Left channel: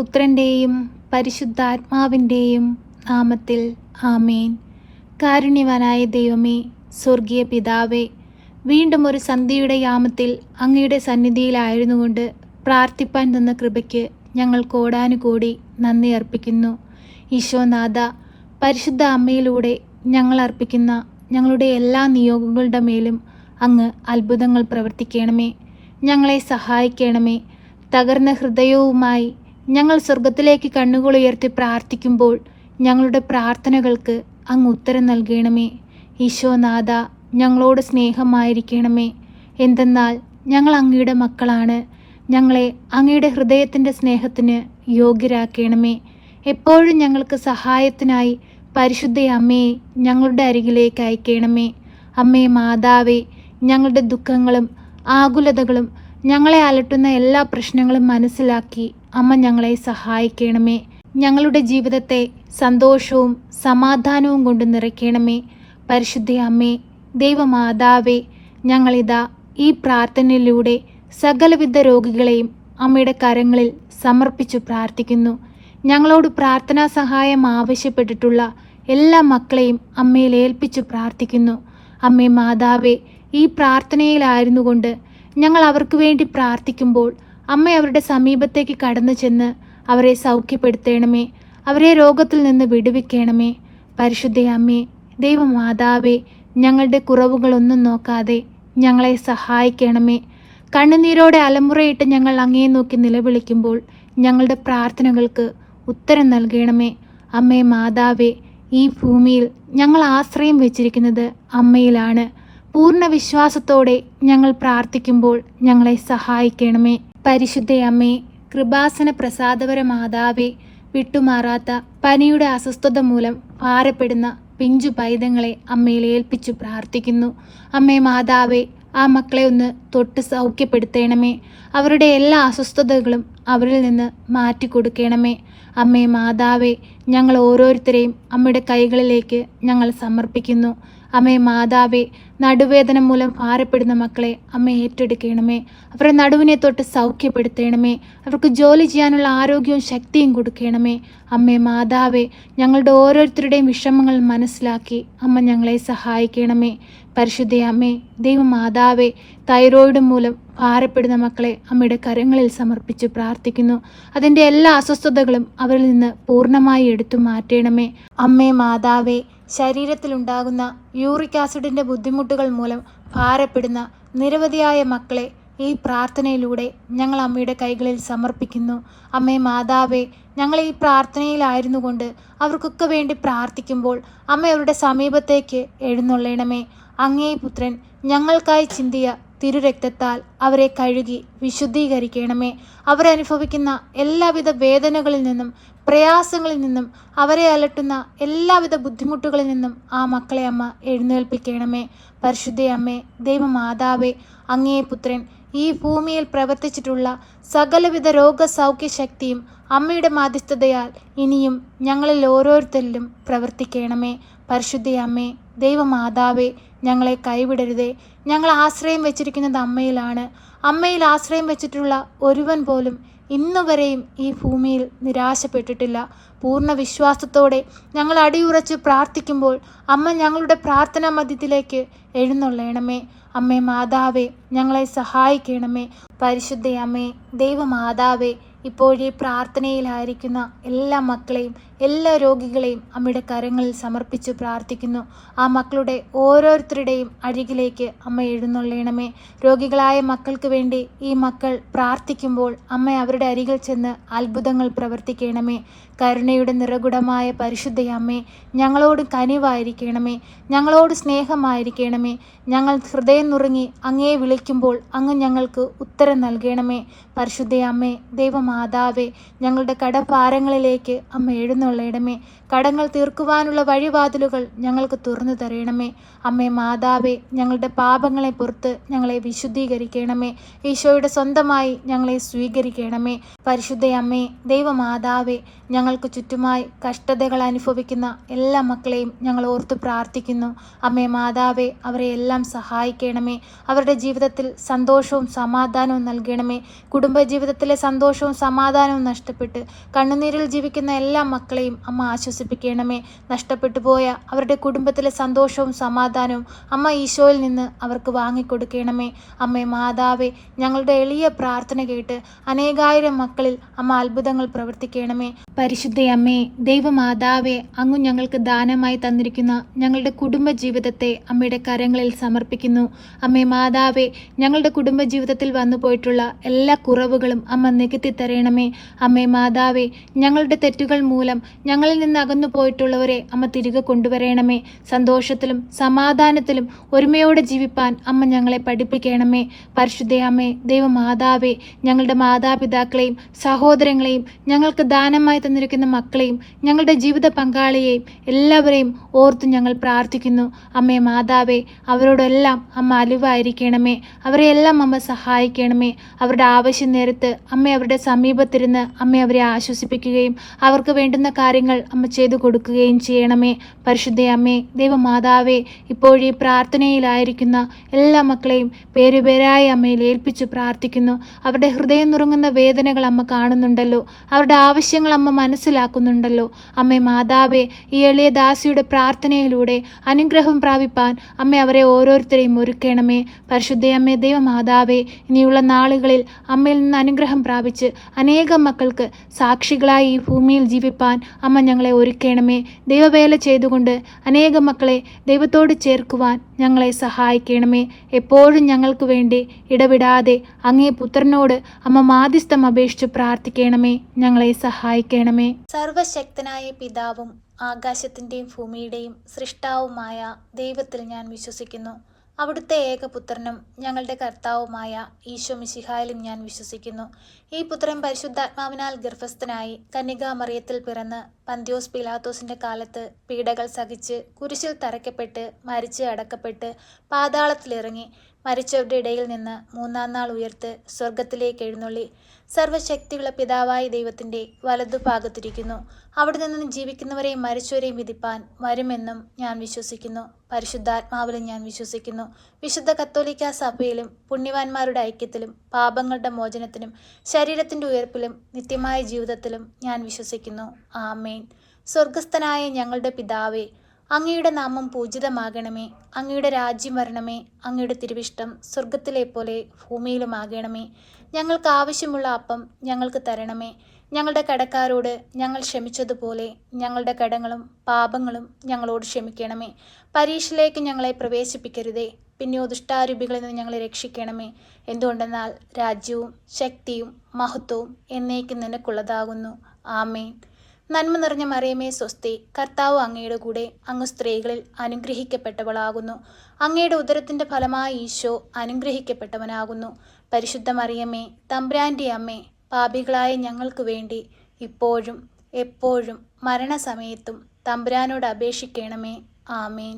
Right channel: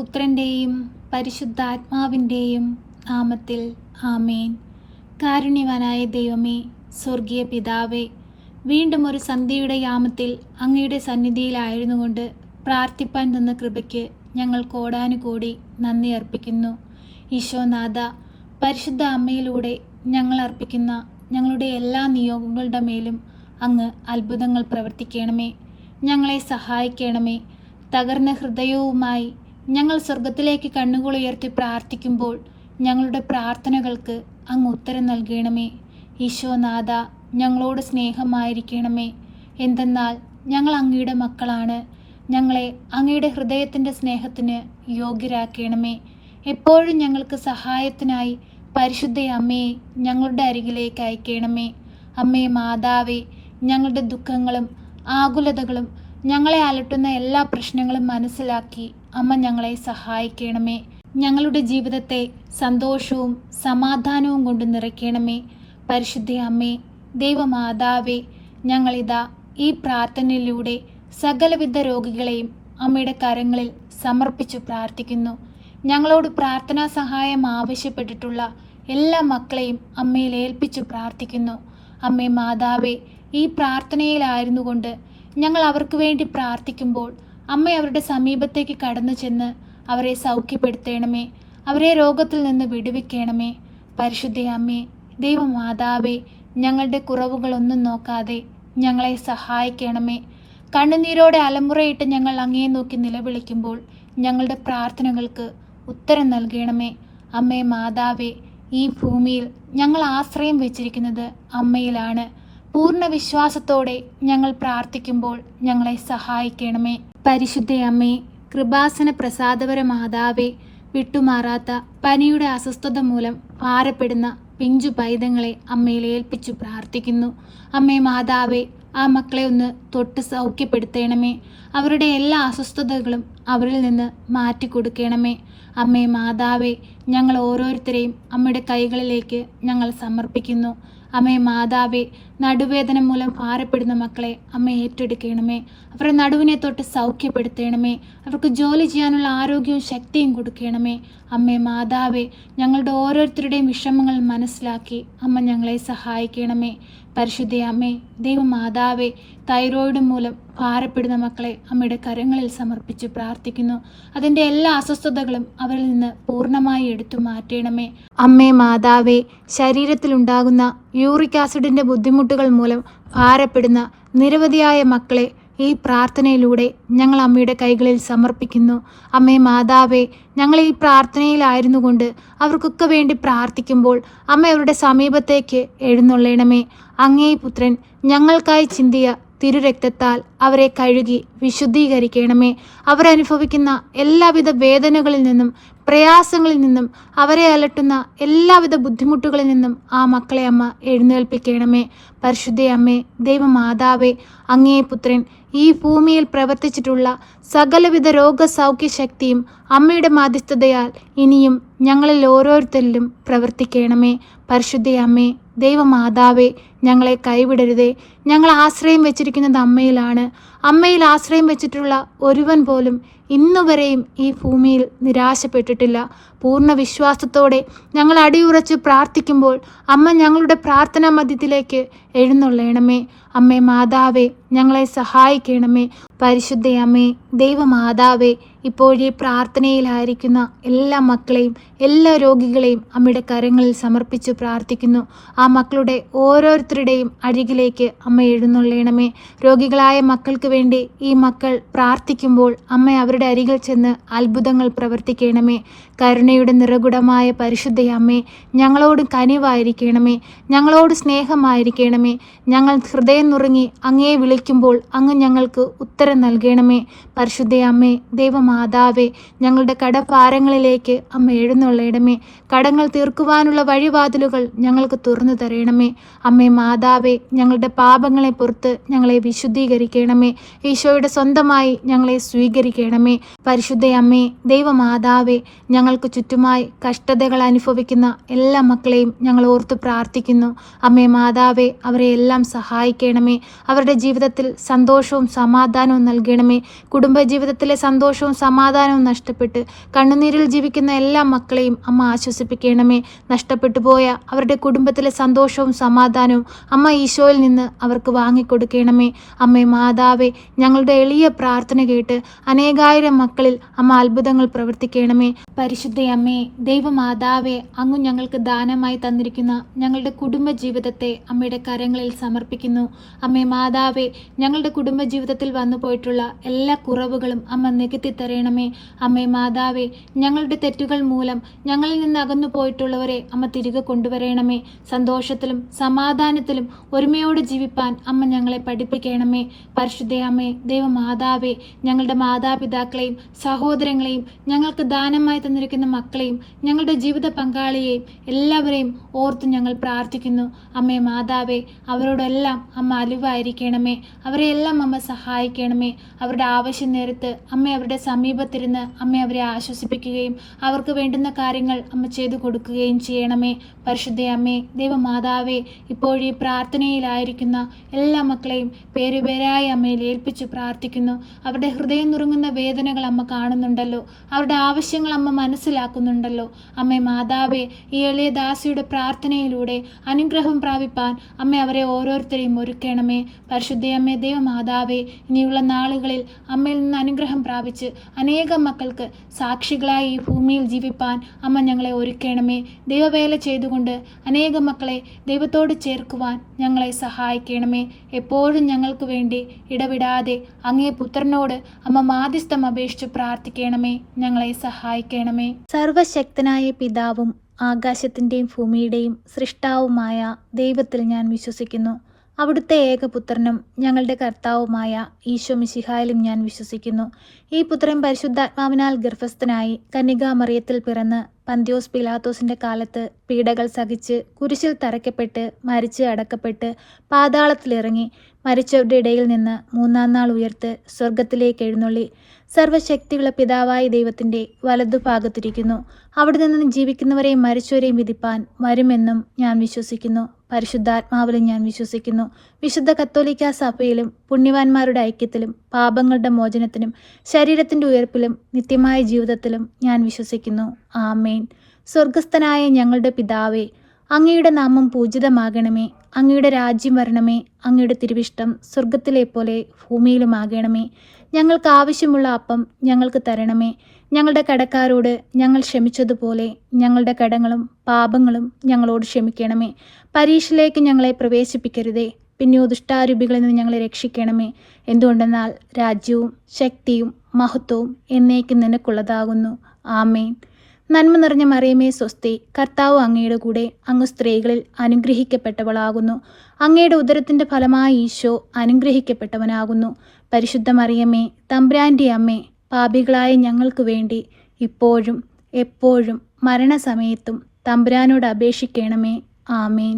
പുത്രൻ്റെയും പരിശുദ്ധാത്മാവിൻ്റെയും നാമത്തിൽ ആമേൻ. കാരുണ്യവാനായ ദൈവമേ, സ്വർഗീയ പിതാവേ, വീണ്ടും ഒരു സന്ധ്യയുടെ യാമത്തിൽ അങ്ങയുടെ സന്നിധിയിലായിരുന്നുകൊണ്ട് പ്രാർത്ഥിപ്പാൻ തന്ന കൃപയ്ക്ക് ഞങ്ങൾ കോടാനുകോടി നന്ദി അർപ്പിക്കുന്നു. ഈശോനാഥ, പരിശുദ്ധ അമ്മയിലൂടെ ഞങ്ങൾ അർപ്പിക്കുന്ന ഞങ്ങളുടെ എല്ലാ നിയോഗങ്ങളുടെ മേലും അങ്ങ് അത്ഭുതങ്ങൾ പ്രവർത്തിക്കണമേ. ഞങ്ങളെ സഹായിക്കണമേ. തകർന്ന ഹൃദയവുമായി ഞങ്ങൾ സ്വർഗത്തിലേക്ക് കണ്ണുകൾ ഉയർത്തി പ്രാർത്ഥിക്കുമ്പോൾ ഞങ്ങളുടെ പ്രാർത്ഥനകൾക്ക് അങ്ങ് ഉത്തരം നൽകണമേ. ഈശോനാഥ, ഞങ്ങളോട് സ്നേഹമായിരിക്കണമേ. എന്തെന്നാൽ ഞങ്ങൾ അങ്ങയുടെ മക്കളാണ്. ഞങ്ങളെ അങ്ങയുടെ ഹൃദയത്തിൻ്റെ സ്നേഹത്തിന് യോഗ്യരാക്കണമേ. എപ്പോഴും ഞങ്ങൾക്ക് സഹായത്തിനായി പരിശുദ്ധ അമ്മയെ ഞങ്ങളുടെ അരികിലേക്ക് അയക്കണമേ. അമ്മേ മാതാവേ, ഞങ്ങളുടെ ദുഃഖങ്ങളും ആകുലതകളും ഞങ്ങളെ അലട്ടുന്ന എല്ലാ പ്രശ്നങ്ങളും മനസ്സിലാക്കി അമ്മ ഞങ്ങളെ സഹായിക്കണമേ. ഞങ്ങളുടെ ജീവിതത്തെ സന്തോഷവും സമാധാനവും കൊണ്ട് നിറയ്ക്കണമേ. പരിശുദ്ധ അമ്മേ, ദൈവമാതാവേ, ഞങ്ങളിതാ ഈ പ്രാർത്ഥനയിലൂടെ സകലവിധ രോഗികളെയും അമ്മയുടെ കരങ്ങളിൽ സമർപ്പിച്ചു പ്രാർത്ഥിക്കുന്നു. ഞങ്ങളോട് പ്രാർത്ഥനാ സഹായം ആവശ്യപ്പെട്ടിട്ടുള്ള എല്ലാ മക്കളെയും അമ്മയിൽ ഏൽപ്പിച്ചു പ്രാർത്ഥിക്കുന്നു. അമ്മേ മാതാവേ, ഈ പ്രാർത്ഥനയിലായിരുന്നു കൊണ്ട് ഞങ്ങൾ അവർക്ക് വേണ്ടി പ്രാർത്ഥിക്കുമ്പോൾ അമ്മ അവരുടെ സമീപത്തേക്ക് കടന്നു ചെന്ന് അവരെ സൗഖ്യപ്പെടുത്തണമേ. അവരെ രോഗത്തിൽ നിന്ന് വിടുവിക്കണമേ. പരിശുദ്ധ അമ്മേ, ദൈവമാതാവേ, ഞങ്ങളുടെ കുറവുകളൊന്നും നോക്കാതെ ഞങ്ങളെ സഹായിക്കണമേ. കണ്ണുനീരോടെ അലമുറയിട്ട് ഞങ്ങൾ അങ്ങേ നോക്കി നിലവിളിക്കുമ്പോൾ ഞങ്ങളുടെ പ്രാർത്ഥനകൾക്ക് ഉത്തരം നൽകണമേ. അമ്മേ മാതാവേ, ഈ ഭൂമിയിൽ ഞങ്ങൾ ആശ്രയം വെച്ചിരിക്കുന്നത് അമ്മയിലാണ്. പൂർണ്ണ വിശ്വാസത്തോടെ ഞങ്ങൾ പ്രാർത്ഥിക്കുമ്പോൾ ഞങ്ങളെ സഹായിക്കണമേ. പരിശുദ്ധ അമ്മേ, കൃപാസന പ്രസാദപര മാതാവേ, വിട്ടുമാറാത്ത പനിയുടെ അസ്വസ്ഥത മൂലം ഭാരപ്പെടുന്ന പിഞ്ചു പൈതങ്ങളെ അമ്മയിൽ ഏൽപ്പിച്ചു പ്രാർത്ഥിക്കുന്നു. അമ്മേ മാതാവേ, ആ മക്കളെ ഒന്ന് തൊട്ട് സൗഖ്യപ്പെടുത്തണമേ. അവരുടെ എല്ലാ അസ്വസ്ഥതകളും അവരിൽ നിന്ന് മാറ്റിക്കൊടുക്കണമേ. അമ്മേ മാതാവേ, ഞങ്ങൾ ഓരോരുത്തരെയും അമ്മയുടെ കൈകളിലേക്ക് ഞങ്ങൾ സമർപ്പിക്കുന്നു. അമ്മേ മാതാവേ, നടുവേദന മൂലം ഭാരപ്പെടുന്ന മക്കളെ അമ്മ ഏറ്റെടുക്കണമേ. അവരുടെ നടുവിനെ തൊട്ട് സൗഖ്യപ്പെടുത്തണമേ. അവർക്ക് ജോലി ചെയ്യാനുള്ള ആരോഗ്യവും ശക്തിയും കൊടുക്കണമേ. അമ്മേ മാതാവേ, ഞങ്ങളുടെ ഓരോരുത്തരുടെയും വിഷമങ്ങൾ മനസ്സിലാക്കി അമ്മ ഞങ്ങളെ സഹായിക്കണമേ. പരിശുദ്ധ അമ്മേ, ദൈവമാതാവേ, തൈറോയിഡ് മൂലം ഭാരപ്പെടുന്ന മക്കളെ അമ്മയുടെ കരങ്ങളിൽ സമർപ്പിച്ച് പ്രാർത്ഥിക്കുന്നു. അതിൻ്റെ എല്ലാ അസ്വസ്ഥതകളും അവരിൽ നിന്ന് പൂർണ്ണമായി എടുത്തു മാറ്റണമേ. അമ്മേ മാതാവേ, ശരീരത്തിലുണ്ടാകുന്ന യൂറിക് ആസിഡിൻ്റെ ബുദ്ധിമുട്ടുകൾ മൂലം ഭാരപ്പെടുന്ന നിരവധിയായ മക്കളെ ഈ പ്രാർത്ഥനയിലൂടെ ഞങ്ങൾ അമ്മയുടെ കൈകളിൽ സമർപ്പിക്കുന്നു. അമ്മേ മാതാവേ, ഞങ്ങൾ ഈ പ്രാർത്ഥനയിലായിരുന്നു കൊണ്ട് അവർക്കൊക്കെ വേണ്ടി പ്രാർത്ഥിക്കുമ്പോൾ അമ്മ അവരുടെ സമീപത്തേക്ക് എഴുന്നള്ളണമേ. അങ്ങേ പുത്രൻ ഞങ്ങൾക്കായി ചിന്തിയ തിരുരക്തത്താൽ അവരെ കഴുകി വിശുദ്ധീകരിക്കണമേ. അവരനുഭവിക്കുന്ന എല്ലാവിധ വേദനകളിൽ നിന്നും പ്രയാസങ്ങളിൽ നിന്നും അവരെ അലട്ടുന്ന എല്ലാവിധ ബുദ്ധിമുട്ടുകളിൽ നിന്നും ആ മക്കളെ അമ്മ എഴുന്നേൽപ്പിക്കണമേ. പരിശുദ്ധ അമ്മേ, ദൈവമാതാവേ, അങ്ങേ പുത്രൻ ഈ ഭൂമിയിൽ പ്രവർത്തിച്ചിട്ടുള്ള സകലവിധ രോഗസൗഖ്യ ശക്തിയും അമ്മയുടെ മാധ്യസ്ഥതയാൽ ഇനിയും ഞങ്ങളിൽ ഓരോരുത്തരിലും പ്രവർത്തിക്കണമേ. പരിശുദ്ധ അമ്മേ, ദൈവമാതാവേ, ഞങ്ങളെ കൈവിടരുതേ. ഞങ്ങൾ ആശ്രയം വെച്ചിരിക്കുന്നത് അമ്മയിലാണ്. അമ്മയിൽ ആശ്രയം വെച്ചിട്ടുള്ള ഒരുവൻ പോലും ഇന്നുവരെയും ഈ ഭൂമിയിൽ നിരാശപ്പെട്ടിട്ടില്ല. പൂർണ്ണ വിശ്വാസത്തോടെ ഞങ്ങൾ അടിയുറച്ച് പ്രാർത്ഥിക്കുമ്പോൾ അമ്മ ഞങ്ങളുടെ പ്രാർത്ഥനാ മധ്യത്തിലേക്ക് എഴുന്നള്ളണമേ. അമ്മേ മാതാവേ, ഞങ്ങളെ സഹായിക്കണമേ. പരിശുദ്ധ അമ്മേ, ദൈവമാതാവേ, ഇപ്പോഴീ പ്രാർത്ഥനയിലായിരിക്കുന്ന എല്ലാ മക്കളെയും എല്ലാ രോഗികളെയും അമ്മയുടെ കരങ്ങളിൽ സമർപ്പിച്ച് പ്രാർത്ഥിക്കുന്നു. ആ മക്കളുടെ ഓരോരുത്തരുടെയും അരികിലേക്ക് അമ്മ എഴുന്നള്ളണമേ. രോഗികളായ മക്കൾക്ക് വേണ്ടി ഈ മക്കൾ പ്രാർത്ഥിക്കുമ്പോൾ അമ്മ അവരുടെ അരികിൽ ചെന്ന് അത്ഭുതങ്ങൾ പ്രവർത്തിക്കണമേ. കരുണയുടെ നിറകുടമായ പരിശുദ്ധ അമ്മേ, ഞങ്ങളോട് കനിവായിരിക്കണമേ. ഞങ്ങളോട് സ്നേഹമായിരിക്കണമേ. ഞങ്ങൾ ഹൃദയം നുറുങ്ങി അങ്ങയെ വിളിക്കുമ്പോൾ അങ്ങ് ഞങ്ങൾക്ക് ഉത്തരം നൽകണമേ. പരിശുദ്ധ അമ്മേ, ദൈവമാതാവേ, ഞങ്ങളുടെ കടഭാരങ്ങളിലേക്ക് അമ്മ എഴുന്നള്ളണമേ. കടങ്ങൾ തീർക്കുവാനുള്ള വഴിവാതിലുകൾ ഞങ്ങൾക്ക് തുറന്നു തരണമേ. അമ്മേ മാതാവേ, ഞങ്ങളുടെ പാപങ്ങളെ പുറത്ത് ഞങ്ങളെ വിശുദ്ധീകരിക്കണമേ. ഈശോയുടെ സ്വന്തമായി ഞങ്ങളെ സ്വീകരിക്കണമേ. പരിശുദ്ധ അമ്മേ, ദൈവമാതാവേ, ഞങ്ങൾ ഞങ്ങൾക്ക് ചുറ്റുമായി കഷ്ടതകൾ അനുഭവിക്കുന്ന എല്ലാ മക്കളെയും ഞങ്ങൾ ഓർത്തു പ്രാർത്ഥിക്കുന്നു. അമ്മേ മാതാവേ, അവരെ എല്ലാം സഹായിക്കണമേ. അവരുടെ ജീവിതത്തിൽ സന്തോഷവും സമാധാനവും നൽകണമേ. കുടുംബജീവിതത്തിലെ സന്തോഷവും സമാധാനവും നഷ്ടപ്പെട്ട് കണ്ണുനീരിൽ ജീവിക്കുന്ന എല്ലാ മക്കളെയും അമ്മ ആശ്വസിപ്പിക്കണമേ. നഷ്ടപ്പെട്ടു പോയ അവരുടെ കുടുംബത്തിലെ സന്തോഷവും സമാധാനവും അമ്മ ഈശോയിൽ നിന്ന് അവർക്ക് വാങ്ങിക്കൊടുക്കണമേ. അമ്മേ മാതാവേ, ഞങ്ങളുടെ എളിയ പ്രാർത്ഥന കേട്ട് അനേകായിരം മക്കളിൽ അമ്മ അത്ഭുതങ്ങൾ പ്രവർത്തിക്കണമേ. പരിശുദ്ധയമ്മേ, ദൈവമാതാവേ, അങ്ങ് ഞങ്ങൾക്ക് ദാനമായി തന്നിരിക്കുന്ന ഞങ്ങളുടെ കുടുംബജീവിതത്തെ അമ്മയുടെ കരങ്ങളിൽ സമർപ്പിക്കുന്നു. അമ്മേ മാതാവേ, ഞങ്ങളുടെ കുടുംബജീവിതത്തിൽ വന്നു പോയിട്ടുള്ള എല്ലാ കുറവുകളും അമ്മ നികത്തി തരണമേ. അമ്മേ മാതാവേ, ഞങ്ങളുടെ തെറ്റുകൾ മൂലം ഞങ്ങളിൽ നിന്ന് അകന്നു പോയിട്ടുള്ളവരെ അമ്മ തിരികെ കൊണ്ടുവരണമേ. സന്തോഷത്തിലും സമാധാനത്തിലും ഒരുമയോടെ ജീവിപ്പാൻ അമ്മ ഞങ്ങളെ പഠിപ്പിക്കണമേ. പരിശുദ്ധയമ്മേ, ദൈവമാതാവേ, ഞങ്ങളുടെ മാതാപിതാക്കളെയും സഹോദരങ്ങളെയും ഞങ്ങൾക്ക് ദാനമായി തന്നിരിക്കുന്ന മക്കളെയും ഞങ്ങളുടെ ജീവിത പങ്കാളിയെയും എല്ലാവരെയും ഓർത്ത് ഞങ്ങൾ പ്രാർത്ഥിക്കുന്നു. അമ്മേ മാതാവേ, അവരോടെല്ലാം അമ്മ അലിവായിരിക്കണമേ. അവരെയെല്ലാം അമ്മ സഹായിക്കണമേ. അവരുടെ ആവശ്യം നേരത്ത് അമ്മ അവരുടെ സമീപത്തിരുന്ന് അമ്മ അവരെ ആശ്വസിപ്പിക്കുകയും അവർക്ക് വേണ്ടുന്ന കാര്യങ്ങൾ അമ്മ ചെയ്തു കൊടുക്കുകയും ചെയ്യണമേ. പരിശുദ്ധയമ്മേ, ദൈവമാതാവേ, ഇപ്പോഴീ പ്രാർത്ഥനയിലായിരിക്കുന്ന എല്ലാ മക്കളെയും പേരുപേരായി അമ്മയിൽ ഏൽപ്പിച്ചു പ്രാർത്ഥിക്കുന്നു. അവരുടെ ഹൃദയം നുറുങ്ങുന്ന വേദനകൾ അമ്മ കാണുന്നുണ്ടല്ലോ. അവരുടെ ആവശ്യങ്ങൾ അമ്മ മനസ്സിലാക്കുന്നുണ്ടല്ലോ. അമ്മേ മാതാവേ, ഈ എളിയ ദാസിയുടെ പ്രാർത്ഥനയിലൂടെ അനുഗ്രഹം പ്രാപിപ്പാൻ അമ്മ അവരെ ഓരോരുത്തരെയും ഒരുക്കണമേ. പരിശുദ്ധയമ്മേ, ദൈവമാതാവേ, ഇനിയുള്ള നാളുകളിൽ അമ്മയിൽ നിന്ന് അനുഗ്രഹം പ്രാപിച്ച് അനേകം മക്കൾക്ക് സാക്ഷികളായി ഈ ഭൂമിയിൽ ജീവിപ്പാൻ അമ്മ ഞങ്ങളെ ഒരുക്കണമേ. ദൈവവേല ചെയ്തുകൊണ്ട് അനേകം മക്കളെ ദൈവത്തോട് ചേർക്കുവാൻ ഞങ്ങളെ സഹായിക്കണമേ. എപ്പോഴും ഞങ്ങൾക്ക് വേണ്ടി ഇടവിടാതെ അങ്ങേ പുത്രനോട് അമ്മ മാധ്യസ്ഥം അപേക്ഷിച്ച് പ്രാർത്ഥിക്കണമേ. ഞങ്ങളെ സഹായിക്കണമേ. സർവശക്തനായ പിതാവും ആകാശത്തിൻ്റെയും ഭൂമിയുടെയും സൃഷ്ടാവുമായ ദൈവത്തിൽ ഞാൻ വിശ്വസിക്കുന്നു. അവിടുത്തെ ഏകപുത്രനും ഞങ്ങളുടെ കർത്താവുമായ ഈശോ മിശിഹായിലും ഞാൻ വിശ്വസിക്കുന്നു. ഈ പുത്രൻ പരിശുദ്ധാത്മാവിനാൽ ഗർഭസ്ഥനായി കന്യകാമറിയത്തിൽ പിറന്ന് പന്ത്യോസ് പിലാത്തോസിന്റെ കാലത്ത് പീഡകൾ സഹിച്ച് കുരിശിൽ തറയ്ക്കപ്പെട്ട് മരിച്ച് അടക്കപ്പെട്ട് പാതാളത്തിലിറങ്ങി മരിച്ചവരുടെ ഇടയിൽ നിന്ന് മൂന്നാം നാൾ ഉയർത്ത് സ്വർഗത്തിലേക്ക് എഴുന്നള്ളി സർവശക്തിയുള്ള പിതാവായ ദൈവത്തിൻ്റെ വലതുഭാഗത്തിരിക്കുന്നു. അവിടെ നിന്ന് ജീവിക്കുന്നവരെയും മരിച്ചവരെയും വിധിപ്പാൻ വരുമെന്നും ഞാൻ വിശ്വസിക്കുന്നു. പരിശുദ്ധാത്മാവിലും ഞാൻ വിശ്വസിക്കുന്നു. വിശുദ്ധ കത്തോലിക്ക സഭയിലും പുണ്യവാന്മാരുടെ ഐക്യത്തിലും പാപങ്ങളുടെ മോചനത്തിനും ശരീരത്തിൻ്റെ ഉയർപ്പിലും നിത്യമായ ജീവിതത്തിലും ഞാൻ വിശ്വസിക്കുന്നു. ആമേൻ. സ്വർഗസ്ഥനായ ഞങ്ങളുടെ പിതാവേ, അങ്ങയുടെ നാമം പൂജിതമാകണമേ. അങ്ങയുടെ രാജ്യം വരണമേ. അങ്ങയുടെ തിരുവിഷ്ടം സ്വർഗത്തിലെ പോലെ ഭൂമിയിലുമാകണമേ. ഞങ്ങൾക്ക് ആവശ്യമുള്ള അപ്പം ഞങ്ങൾക്ക് തരണമേ. ഞങ്ങളുടെ കടക്കാരോട് ഞങ്ങൾ ക്ഷമിച്ചതുപോലെ ഞങ്ങളുടെ കടങ്ങളും പാപങ്ങളും ഞങ്ങളോട് ക്ഷമിക്കണമേ. പരീക്ഷയിലേക്ക് ഞങ്ങളെ പ്രവേശിപ്പിക്കരുതേ, പിന്നെയോ ദുഷ്ടാരൂപികളിൽ നിന്ന് ഞങ്ങളെ രക്ഷിക്കണമേ. എന്തുകൊണ്ടെന്നാൽ രാജ്യവും ശക്തിയും മഹത്വവും എന്നേക്കും നിനക്കുള്ളതാകുന്നു. ആമേൻ. നന്മ നിറഞ്ഞ മറിയമേ സ്വസ്തി, കർത്താവ് അങ്ങയുടെ കൂടെ, അങ്ങ് സ്ത്രീകളിൽ അനുഗ്രഹിക്കപ്പെട്ടവളാകുന്നു. അങ്ങയുടെ ഉദരത്തിൻ്റെ ഫലമായ ഈശോ അനുഗ്രഹിക്കപ്പെട്ടവനാകുന്നു. പരിശുദ്ധ മറിയമേ, തമ്പുരാൻ്റെ അമ്മേ, പാപികളായ ഞങ്ങൾക്ക് വേണ്ടി ഇപ്പോഴും എപ്പോഴും മരണസമയത്തും തമ്പുരാനോട് അപേക്ഷിക്കണമേ. ആമേൻ.